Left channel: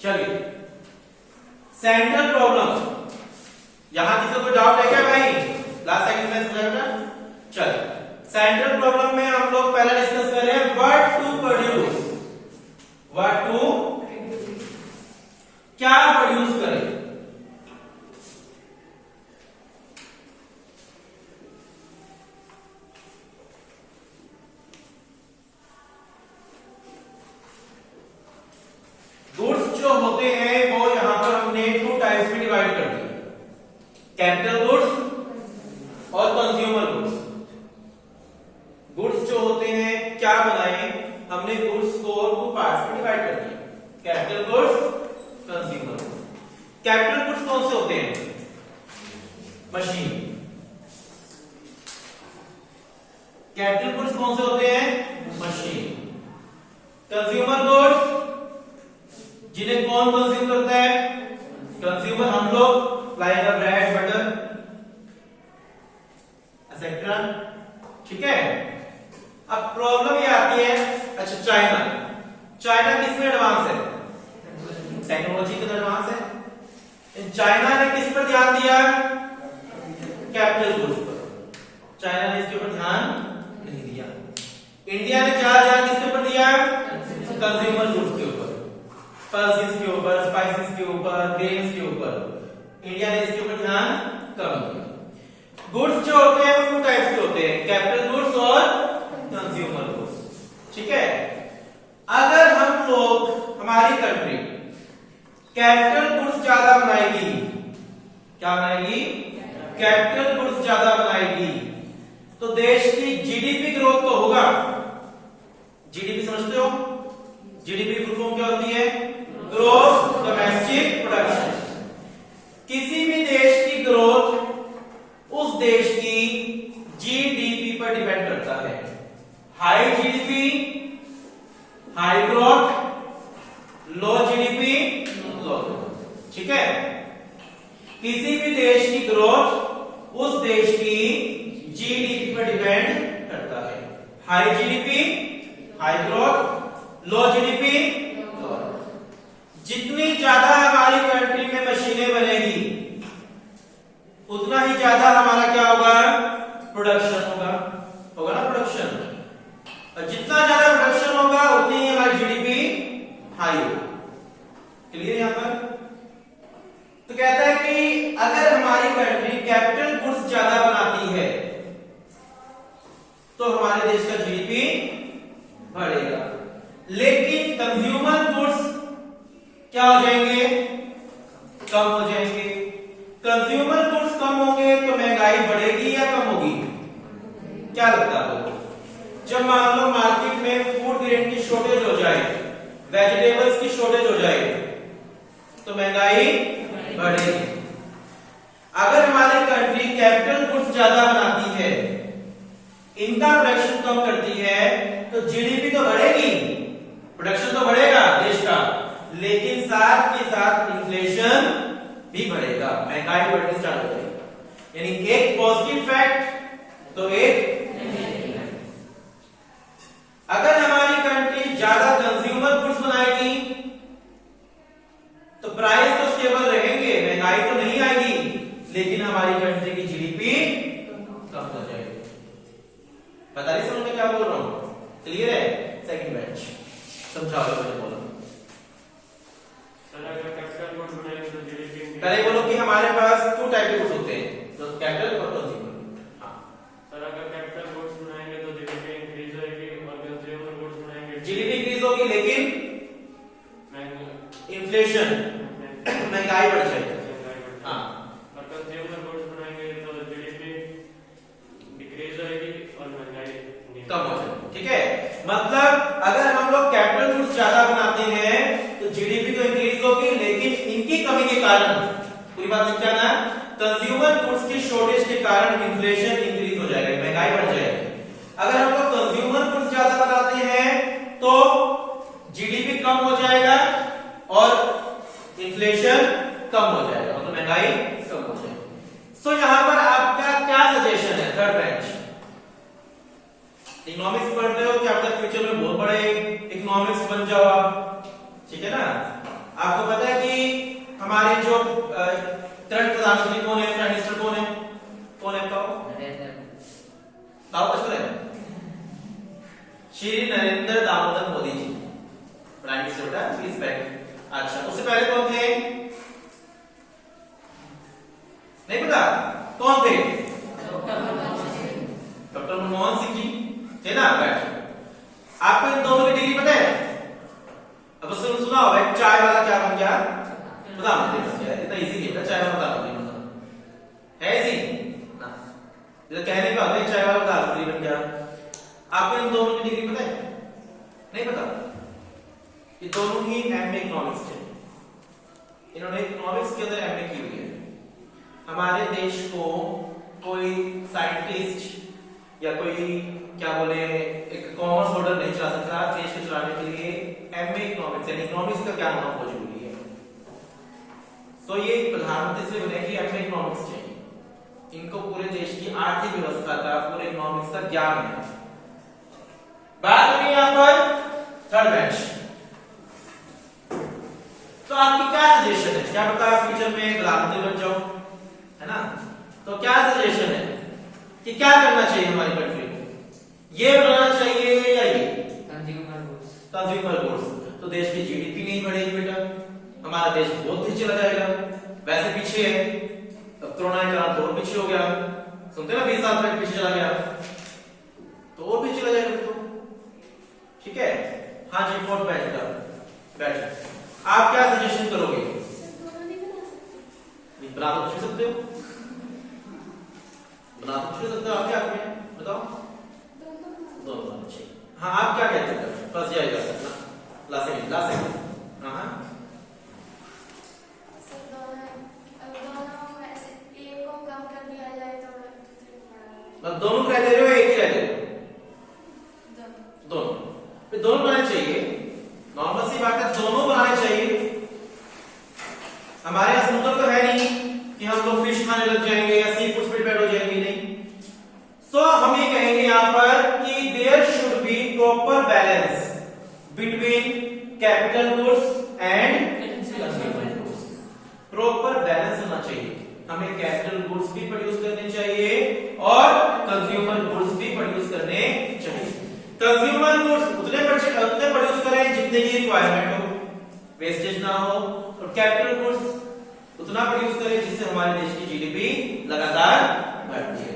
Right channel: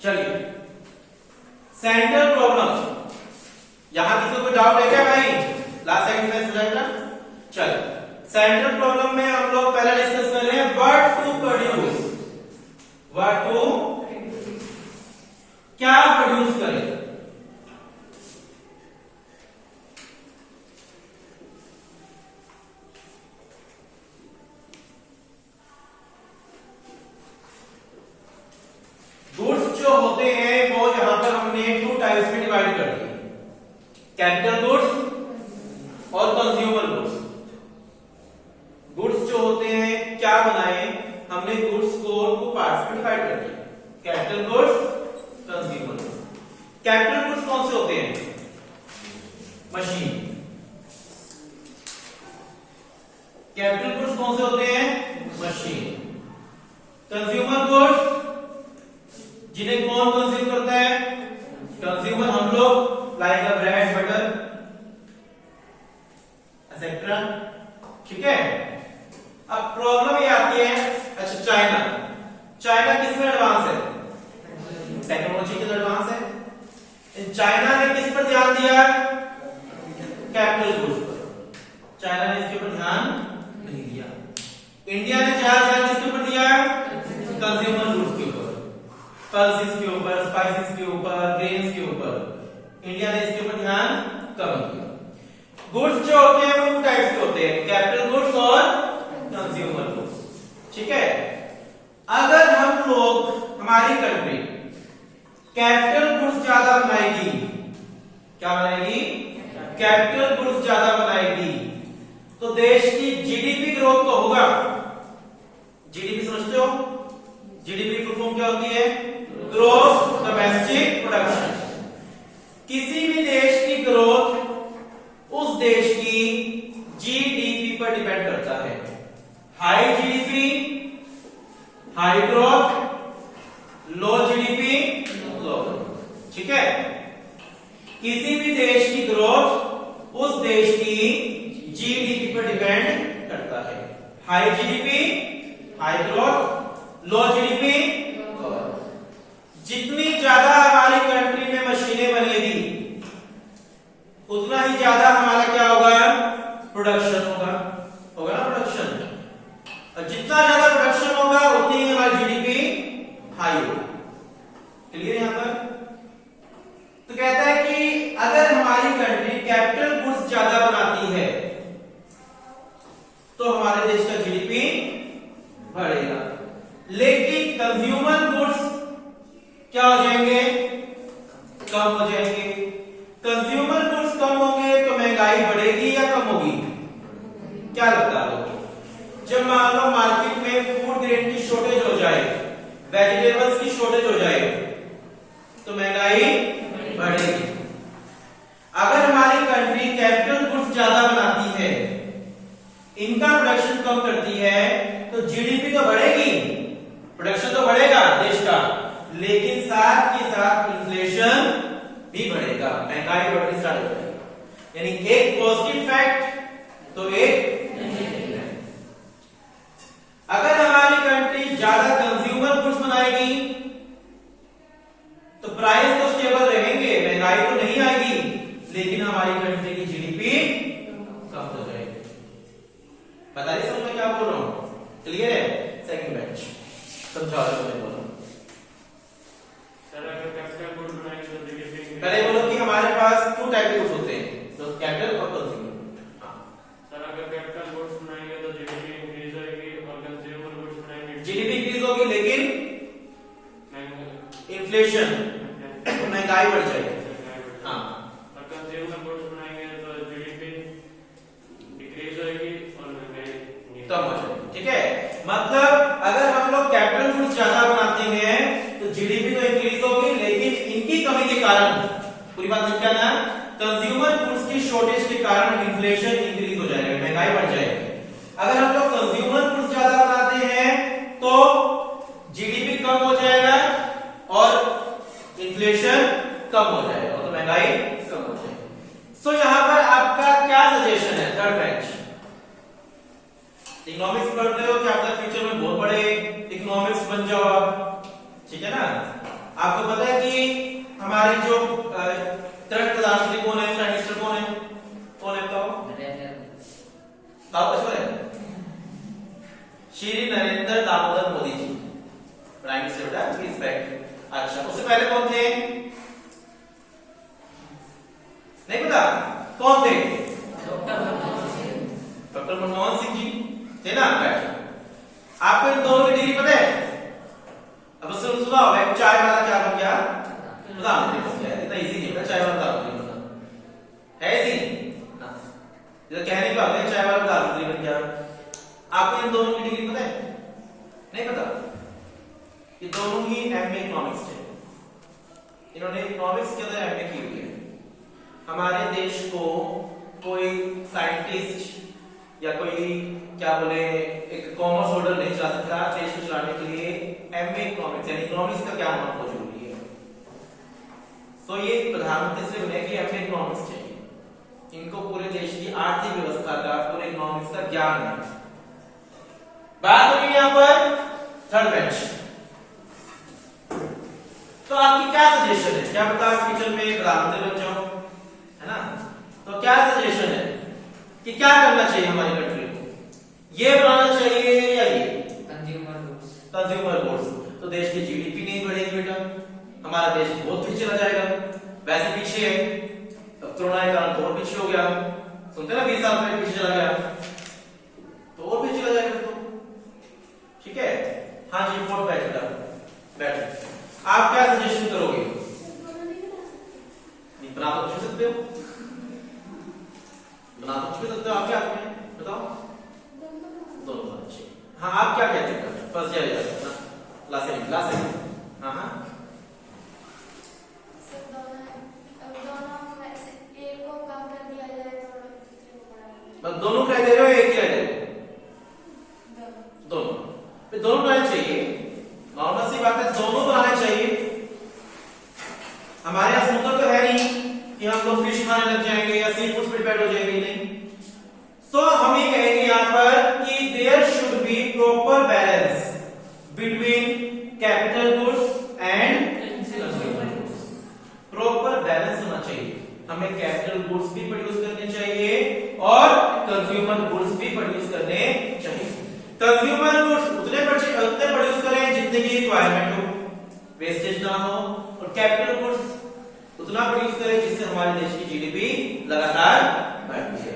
चलिए central problem, यहां किसी कोई डाउट है क्या भाई? लास्ट सेकंड में समझा था। चलिए सेंट्रल प्रॉब्लम में हम लोग पहला डिस्कस कर रहे हैं what to produce, what to क्या प्रोड्यूस करें। गुड्स जो होते हैं वो यहां पर हमने टू टाइप्स में डिवाइड कर दिए, कैपिटल गुड्स और कंज्यूमर गुड्स। गुड्स जो होते हैं क्या बनाए हमने, गुड्स को टू पार्ट्स में डिवाइड कर दिया, capital goods, consumer goods. Capital goods कौन से होते हैं? मशीन। कैपिटल गुड्स कौन से होते हैं? मशीन। कंज्यूमर गुड्स जिन्हें कौन कंज्यूम करता है? कंज्यूमर हम लोग, लाइक ब्रेड, बटर एक्सेट्रा। ठीक है। अब प्रॉब्लम ये आती है, अच्छा चाइना, चाइना किसमें एडवांस है? टेक्नोलॉजी के एडवांस है। चाइना ने किस पर ध्यान दिया? कैपिटल गुड्स पर। चाइना ने इसके ऊपर ध्यान नहीं दिया। इंडिया ने ज्यादा ध्यान किसके ऊपर दिया? कंज्यूमर गुड्स के ऊपर, पल्सेस के ऊपर, स्पाइसेस के ऊपर, ग्रेन्स के ऊपर। इंडिया ने इसके ऊपर ध्यान कम दिया। गुड्स जो होते हैं वो टू टाइप्स के होते हैं, कैपिटल गुड्स और कंज्यूमर गुड्स। ठीक है। अगर हम लोग, हमारी कंट्री कैपिटल गुड्स ज्यादा बनाएगी, क्या बनाएगी? कैपिटल गुड्स ज्यादा बनाएगी, तो देश की जीडीपी ग्रोथ तो होगा। जीडीपी समझते हो? जीडीपी फुल फॉर्म क्या होती है? Growth domestic production. किसी भी देश की ग्रोथ उस देश की जीडीपी पर डिपेंड करता है। हाई जीडीपी हाई ग्रोथ, लो जीडीपी लो ग्रोथ। ठीक है। किसी भी देश की ग्रोथ उस देश की जीडीपी पर डिपेंड करता है। हाई जीडीपी हाई ग्रोथ, लो जीडीपी। जितनी ज्यादा हमारी कंट्री में मशीनें बनेगी उतना ही ज्यादा हमारा क्या होगा? प्रोडक्शन होगा, होगा ना प्रोडक्शन। और जितना ज्यादा प्रोडक्शन होगा उतनी ही हमारी जीडीपी हाई होगी। क्लियर यहां पर? तो कहता है कि अगर हमारी कंट्री कैपिटल गुड्स ज्यादा बनाती है तो हमारे देश का जीडीपी बढ़ेगा, लेकिन कंज्यूमर गुड्स क्या हो जाएंगे? कम हो जाएंगे। कंज्यूमर गुड्स कम होंगे तो महंगाई बढ़ेगी या कम होगी? क्या लगता है आपको? जब मान लो मार्केट में फूड ग्रेन की शॉर्टेज हो जाए, वेजिटेबल्स की शॉर्टेज हो जाए, तो महंगाई बढ़ेगी। अगर हमारी कंट्री कैपिटल गुड्स ज्यादा बनाती है, इनका प्रोडक्शन कम करती है, तो जीडीपी तो बढ़ेगी, प्रोडक्शन तो बढ़ेगा देश का, लेकिन साथ के साथ इन्फ्लेशन भी बढ़ेगा, महंगाई बढ़नी स्टार्ट हो जाएगी। यानी एक पॉजिटिव फैक्ट तो एक नेगेटिव फैक्ट। अगर हमारी कंट्री ज्यादा कंज्यूमर गुड्स बनाएगी तो प्राइस तो स्टेबल रहेंगे, महंगाई तो नहीं आएगी, लेकिन हमारी कंट्री की जीडीपी कम हो जाएगी। पता नहीं समझ में क्या बोल रहा हूं? क्लियर है? सेकंड बैच समझाओ जो मैंने बोला। पहले बोलो कि हमारे पास टू टाइप के गुड्स होते हैं, तो कैपिटल और कंज्यूमर। सर अगर कैपिटल गुड्स बनाएंगे तो जीडीपी इंक्रीज होगी, और कंज्यूमर गुड्स बनाएंगे जीडीपी इंक्रीज होगी लेकिन इन्फ्लेशन, महंगाई बढ़ जाएगी। हाँ। और कंज्यूमर गुड्स बनाएंगे तो जीडीपी डिक्रीज होगी और महंगाई कम हो जाएगी। ठीक है। मतलब अगर हम लोग कैपिटल गुड्स ज्यादा बनाते हैं तो जीडीपी तो इंक्रीज होगी, लेकिन इनकी कमी के कारण, पूरी बात लिख जाना, कंज्यूमर गुड्स की शॉर्टेज के कारण इन्फ्लेशन इंक्रीज हो जाएगा, महंगाई बढ़ जाएगी। अगर हम लोग कंज्यूमर गुड्स ज्यादा बनाते हैं तो जीडीपी कम हो जाएगा और इन्फ्लेशन कम हो जाएगा, तो महंगाई कम हो जाएगी। सो यहां पर आपका क्या सजेशन है? थर्ड बेंच इकोनॉमिक्स पढ़ रहे हो, क्या आपका फ्यूचर में बहुत श्री नरेंद्र दामोदर मोदी जी, प्राइम मिनिस्टर बेटा रिस्पेक्ट। अच्छा, उससे पहले कौन थे? नहीं पता कौन थे? डॉक्टर मनमोहन सिंह जी थे ना। आपको इन दोनों की डिग्री पता है? अब सुना होगा चाय वाला क्या बन गया? प्रधानमंत्री बन गया। इतना इजी नहीं है चाय वाला प्रधानमंत्री बनना, है इजी ना? जब कहने पे आते हैं चाय वाला प्रधानमंत्री बन गया। आपको इन दोनों की डिग्री पता है? नहीं पता? ये दोनों ही एमए इकोनॉमिक्स थे। इन्होंने इकोनॉमिक्स के अंदर एमए की हुई है। हमारे देश को कोई साइंटिस्ट या कोई क्या बोले एक कॉमर्स होल्डर नहीं चला सकता। देश को चलाने के लिए एमए इकोनॉमिक्स यानी इकोनॉमिक्स का क्या होना बहुत जरूरी है। तो ये प्रधानमंत्री से बने कि एमए इकोनॉमिक्स चाहिए। इनको पूरे देश की आर्थिक व्यवस्था का, पूरे इकोनॉमिक्स का ज्ञान है। बात होगी यहां पर थर्ड बेंच। तो आपकी क्या सजेशन है? क्या पता आप फ्यूचर में प्रधानमंत्री बन जाओ, है ना? तो क्या सजेशन है कि क्या करना चाहिए हमारी कंट्री को? ये बनाना चाहिए या ये कंज्यूमर गुड्स? तो देश की जीडीपी नहीं बढ़ेगी बेटा, हमारा देश बहुत पीछे चला जाएगा। वैसे पीछे है, अब कोरोना के कारण और पीछे हो गया। सुनते ना 20 साल में पीछे चला गया, तो और पीछे चला जाएगा। तो ठीक है, हाँ जी, फोर्थ बैठ। आप क्या सजेशन करोगे? बना तो छू सकते हो, बना तो छू सकते हो, आपके हाथ में बताओ। दोनों अच्छे। हाँ, आप क्या कहते हो? फर्स्ट जाएगा लास्ट। हाँ हाँ, दोनों कह दे रहे हो, एक कह दे रहे हो? दोनों बनाने चाहिए। नॉर्मल सी बात है, दोनों बनाने चाहिए। हमारे यहां समुद्र तो है नहीं कि हम लोग फिश खाने लग जाएंगे या सी फूड पे डिपेंड हो जाएंगे, नहीं। सो हम ये कहेंगे यहां पर कि there should be proper balance between capital goods and consumer goods. Proper balance होना चाहिए। हमें कैपिटल गुड्स भी प्रोड्यूस करने चाहिए और कंज्यूमर गुड्स भी प्रोड्यूस करने चाहिए। कंज्यूमर गुड्स उतने प्रोड्यूस करें जितने की रिक्वायरमेंट हो, वेस्टेज ना हो, और कैपिटल गुड्स उतना प्रोड्यूस करें जिससे हमारे देश की जीडीपी लगातार बढ़ती है।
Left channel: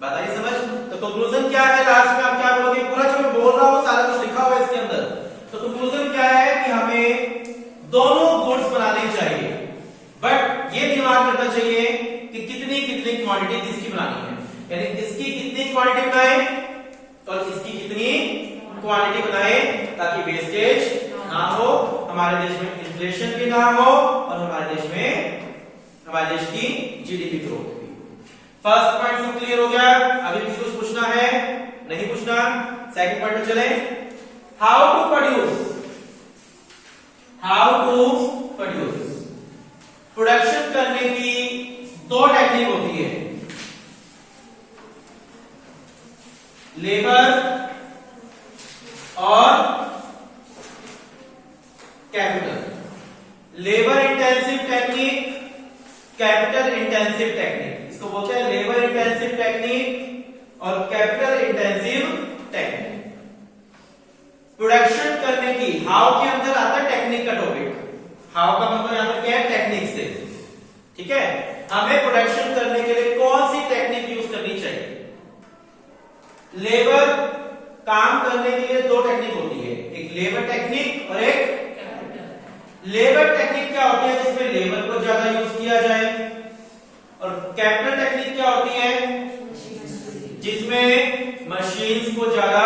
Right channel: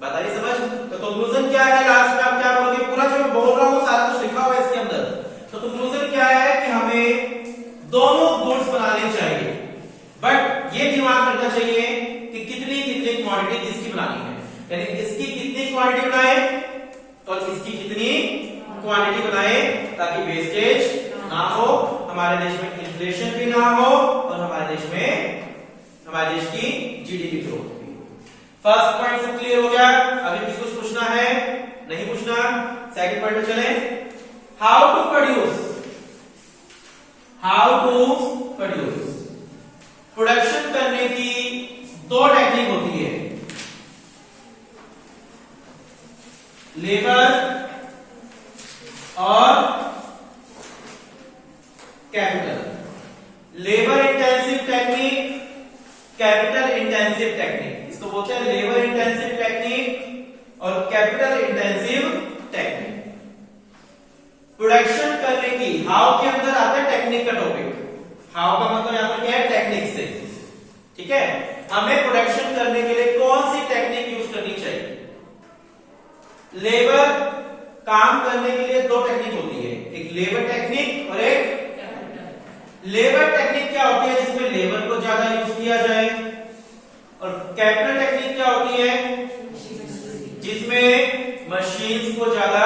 बात आई समझ? तो कंक्लूजन क्या है? लास्ट में आप क्या बोलोगे? पूरा जो मैं बोल रहा हूं सारा कुछ लिखा हुआ है इसके अंदर। तो कंक्लूजन क्या है कि हमें दोनों गुड्स बनाने चाहिए, बट ये दिमाग रखना चाहिए कि कितनी कितनी क्वांटिटी किसकी बनानी है, यानी इसकी कितनी क्वांटिटी बनाए और इसकी कितनी क्वांटिटी बनाए, ताकि वेस्टेज ना हो, हमारे देश में इन्फ्लेशन भी ना हो और हमारे देश की जीडीपी ग्रोथ भी हो। फर्स्ट पॉइंट सब क्लियर हो गया? अभी किसी को पूछना है? नहीं पूछना? सेकंड पॉइंट पे चले। How to produce. प्रोडक्शन करने की दो टेक्निक होती है, लेबर और capital. Labour intensive technique, capital intensive technique. इसको बोलते हैं लेबर इंटेंसिव टेक्निक और कैपिटल इंटेंसिव टेक्निक। प्रोडक्शन करने की, हाउ के अंदर आता है टेक्निक का टॉपिक। हाउ का मतलब यहां पर क्या है? टेक्निक से। ठीक है, हमें प्रोडक्शन करने के लिए कौन सी टेक्निक यूज करनी चाहिए? लेबर काम करने के लिए दो टेक्निक होती है, एक लेबर टेक्निक और एक लेबर टेक्निक क्या होती है? जिसमें लेबर को ज्यादा यूज किया जाए। और कैपिटल टेक्निक क्या होती है? जिसमें मशीन्स को ज्यादा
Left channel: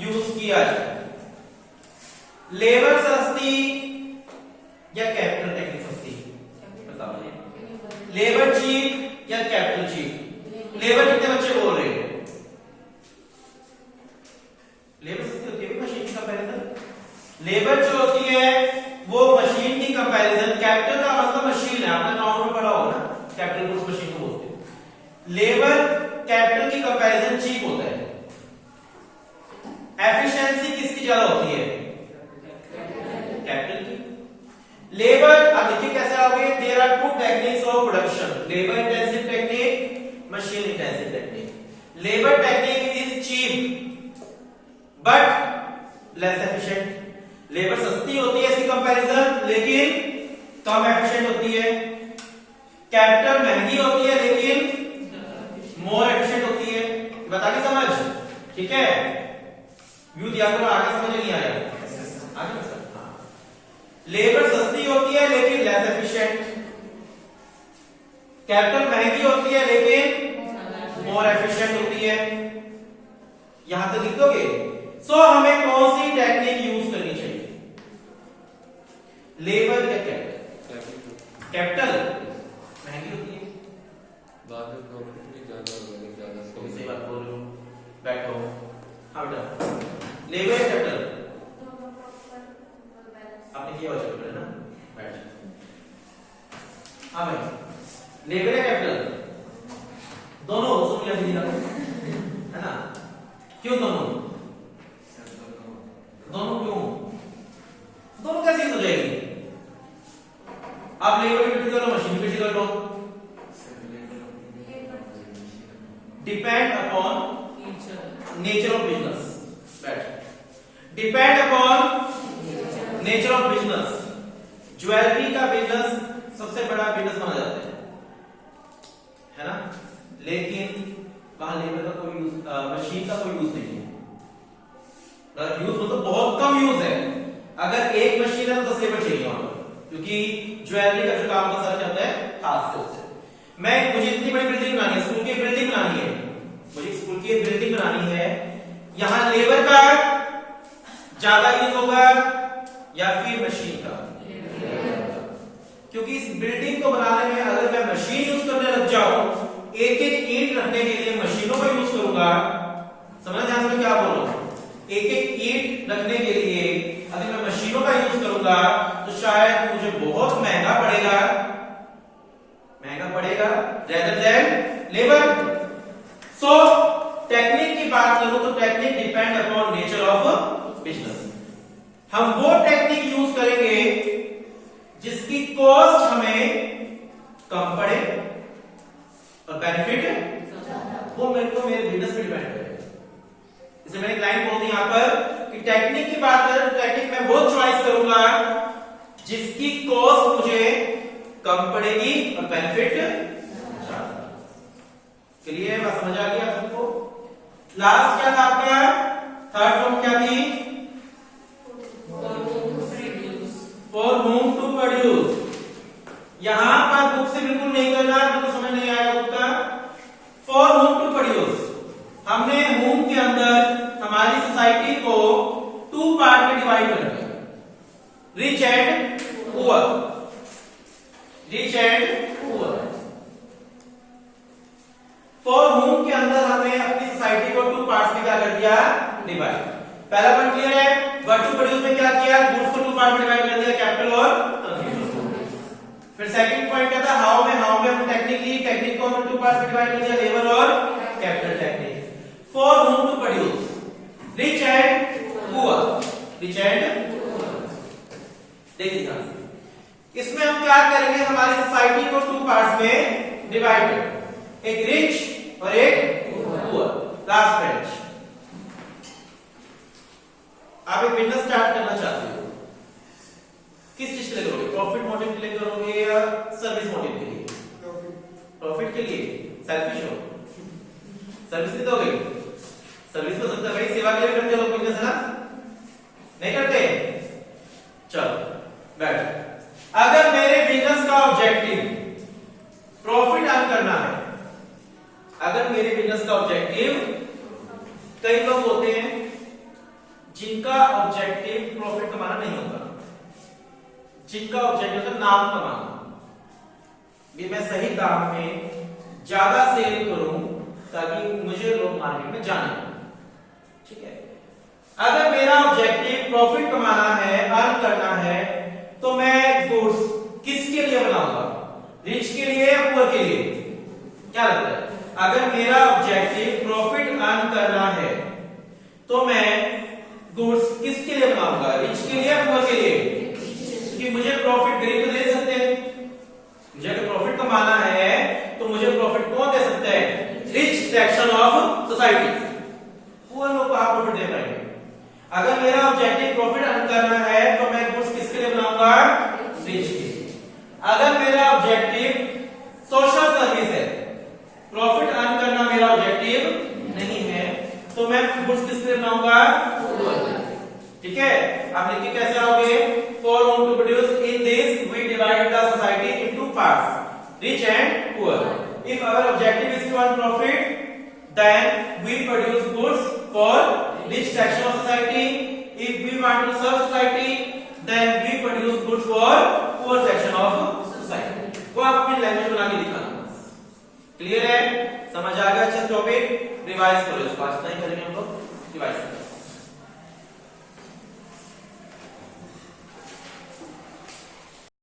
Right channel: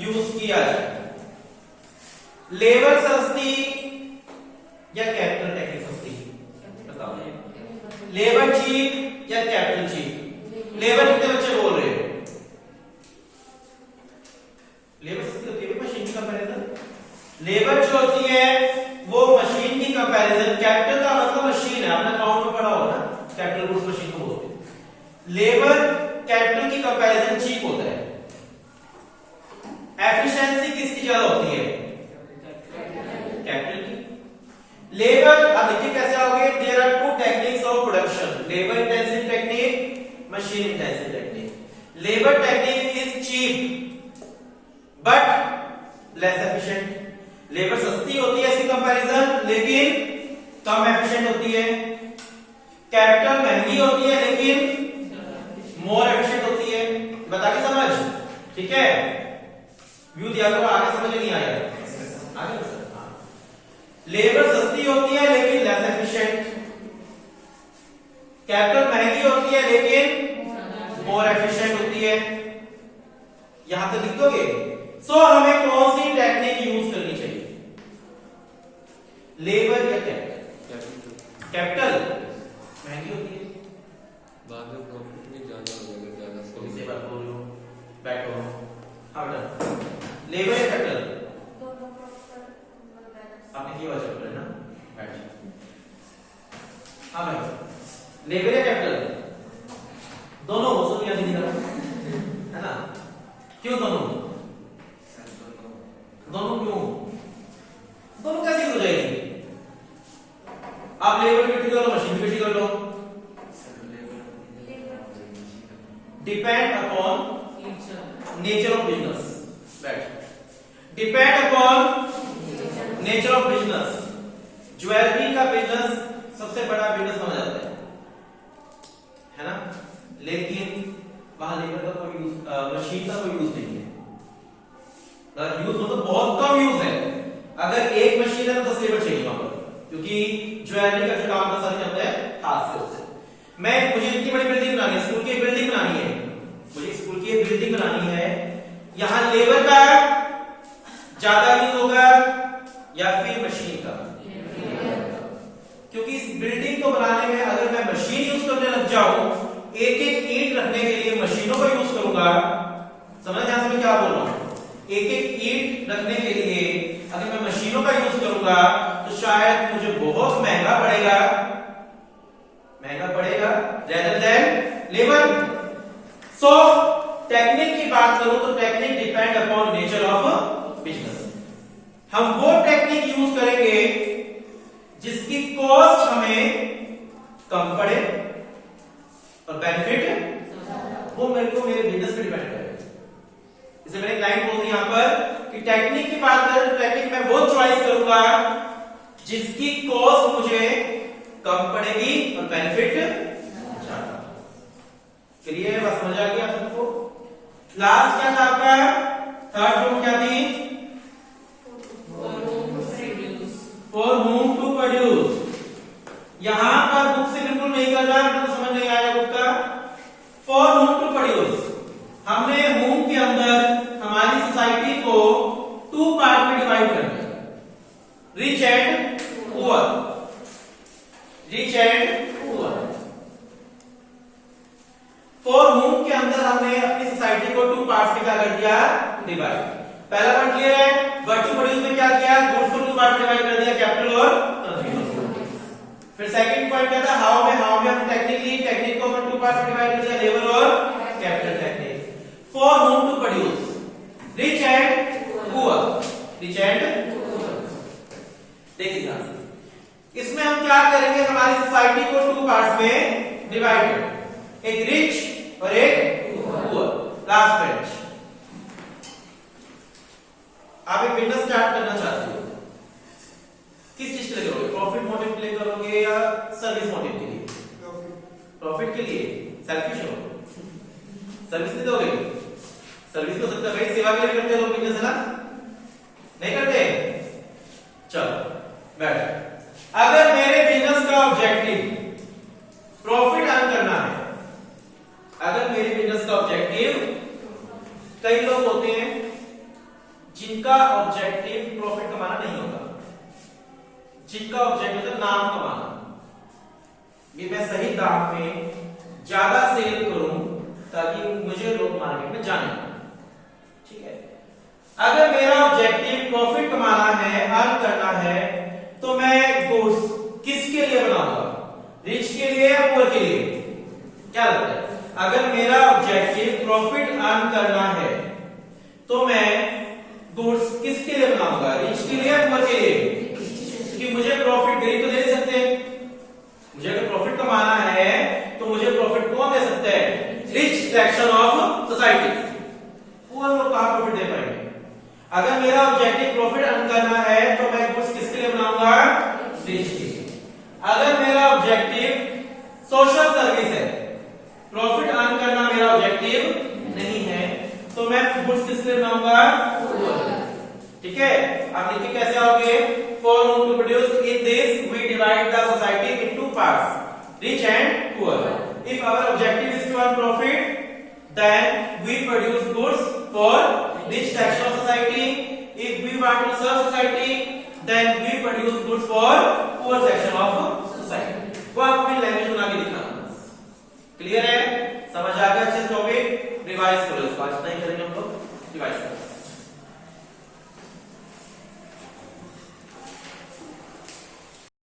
यूज किया जाए। लेबर सस्ती या कैपिटल टेक्निक सस्ती? बताओ। लेबर चीप या कैपिटल चीप? लेबर कितने बच्चे बोल रहे हैं? लेबर सस्ती होती है मशीन की कंपैरिजन। लेबर जो होती है वो मशीन की कंपैरिजन, कैपिटल का मतलब मशीन है, आपने अकाउंट में पढ़ा होगा ना, कैपिटल गुड्स मशीन को बोलते हैं। लेबर कैपिटल की कंपैरिजन चीप होता है। एफिशिएंसी किसकी ज्यादा होती है? कैपिटल की। लेबर, अब देखिए कैसे आओगे? There are two techniques of production, labour intensive technique, machine intensive technique. Labour technique is cheap but less efficient. Labour सस्ती होती है इसकी कंपैरिजन लेकिन कम एफिशिएंट होती है। कैपिटल महंगी होती है लेकिन मोर एफिशिएंट होती है। बता के समझ, ठीक है। व्यू दिया करो, आगे समझ नहीं आया आगे सर। लेबर सस्ती होती है लेकिन लेस एफिशिएंट। कैपिटल महंगी होती है लेकिन मोर एफिशिएंट होती है। यहां तक लिख दोगे। सो हमें कौन सी टेक्निक यूज करनी चाहिए? लेबर या कैपिटल? कैपिटल महंगी होती है, बाद में प्रॉफिट भी ज्यादा होगा, ज्यादा कौन सी बात बोल रहे हो? बैठो। हाँ बेटा, लेबर या कैपिटल? आपने किया बच्चा है ना, बैठ। हाँ भाई, लेबर या कैपिटल? दोनों हो सकती है ना? क्यों दोनों? दोनों क्यों? दोनों कैसे यूज हो जाएगी? आप लेबर इकट्ठी कर लो, मशीन इकट्ठी कर लो। Depend upon nature of business. बैठ। Depend upon nature of business. Jewellery का बिजनेस सबसे बड़ा बिजनेस माना जाता है ना, लेकिन वहां लेबर का कोई यूज, मशीन का कोई यूज नहीं है। यूज हो तो बहुत कम यूज है। अगर एक मशीन है तो 10 लेबर चाहिए वहां पर, क्योंकि ज्वेलरी का जो काम का सारा चलता है हाथ से होता है। मुझे इतनी बड़ी बिल्डिंग बनानी है, स्कूल की बिल्डिंग बनानी है, मुझे स्कूल की बिल्डिंग बनानी है। यहां लेबर का ज्यादा यूज होगा या फिर मशीन का? क्योंकि इस बिल्डिंग को बनाने में अगर मैं मशीन यूज करने लग जाऊं, एक एक ईंट रखने के लिए मशीनों का यूज करूंगा। समझ ध्यान से क्या बोल रहा हूं? एक एक ईंट रखने के लिए अगर मैं मशीनों का यूज करूंगा तो शायद मुझे बहुत महंगा पड़ेगा रेदर देन लेबर। सो टेक्निक की बात करूं तो technique depend upon nature of business. हम वो टेक्निक यूज करेंगे जिसकी कॉस्ट हमें कम पड़े और बेनिफिट वो मेरे को मेरे बिजनेस पे डिपेंड करेगा। इसे मैंने क्लाइंट बोल दिया यहां पर कि टेक्निक की बात करें तो टेक्निक में वो चॉइस करूंगा जिसकी कॉस्ट मुझे कम पड़ेगी और बेनिफिट ज्यादा। चलिए बात समझ आ गया सबको। लास्ट क्या था आपका? थर्ड फॉर्म क्या थी? For whom to produce. यहां पर बुक से बिल्कुल नहीं करना, बिल्कुल समझ नहीं आएगा बुक का। फॉर होम टू प्रोड्यूस, हमने होम के अंदर हमारी सोसाइटी को 2 पार्ट में डिवाइड कर दिया, rich and poor. Rich and poor. For home के अंदर हमने अपनी सोसाइटी को 2 पार्ट्स में क्या कर दिया? डिवाइड। पहला पॉइंट क्लियर है? वर्क टू प्रोड्यूस में क्या किया? गुड्स को 2 पार्ट में डिवाइड कर दिया, कैपिटल और कंज्यूमर। फिर सेकंड पॉइंट क्या था? हाउ में हमने टेक्निक को 2 पार्ट में डिवाइड कर दिया, लेबर और capital technique. For whom to produce, rich and poor. Rich and देखिए इसमें हम क्या करेंगे? हमारी सोसाइटी को 2 पार्ट्स में डिवाइड करेंगे, एक रिच और एक पुअर। Last page. आप एक बिजनेस स्टार्ट करना चाहते हो, किस चीज के लिए करोगे? प्रॉफिट मोटिव के लिए करोगे या सर्विस मोटिव के लिए? प्रॉफिट के लिए। सेल्फिश हो, सर्विस नहीं दोगे? सर्विस तो सकता है भाई, सेवा के लिए करते हो बिजनेस, है ना? नहीं करते? चलो बैठ। अगर मेरे बिजनेस का ऑब्जेक्टिव प्रॉफिट अर्न करना है, अगर मेरे बिजनेस का ऑब्जेक्टिव, कई लोग होते हैं जिनका ऑब्जेक्टिव प्रॉफिट कमाना नहीं होता, जिनका ऑब्जेक्टिव होता है नाम कमाना। ये मैं सही दाम में ज्यादा सेल करूं ताकि मुझे लोग मार्केट में जाने। ठीक है, अगर मेरा ऑब्जेक्टिव प्रॉफिट कमाना है, अर्न करना है, तो मैं गुड्स किसके लिए बनाऊंगा? रिच के लिए या पुअर के लिए? क्या लगता है? अगर मेरा ऑब्जेक्टिव प्रॉफिट अर्न करना है तो मैं गुड्स किसके लिए बनाऊंगा? रिच के लिए या पुअर के लिए? क्योंकि मुझे प्रॉफिट गरीब तो दे सकते हैं। मुझे अगर प्रॉफिट कमाना है तो मुझे प्रॉफिट कौन दे सकता है? Rich section of society. Poor लोग कहां प्रॉफिट दे पाएंगे? अगर मेरा ऑब्जेक्टिव प्रॉफिट अर्न करना है तो मैं गुड्स किसके लिए बनाऊंगा? रिच के लिए। अगर मेरा ऑब्जेक्टिव सोशल सर्विस है, प्रॉफिट अर्न करना मेरा ऑब्जेक्टिव नहीं है, तो मैं गुड्स किसके लिए बनाऊंगा? ठीक है, आप लिख के कैसे आओगे? For whom to produce, in this we divide the society into parts, rich and poor. If our objective is to earn profit, then we produce goods for rich section of society. If we want to serve society, then we produce goods for poor section of society. वो आप अपनी language बना के दिखाना। Clear है? समझ आ गया? अच्छा टॉपिक रिवाइज करो, उसको आज नहीं करेंगे हम लोग, रिवाइज करो।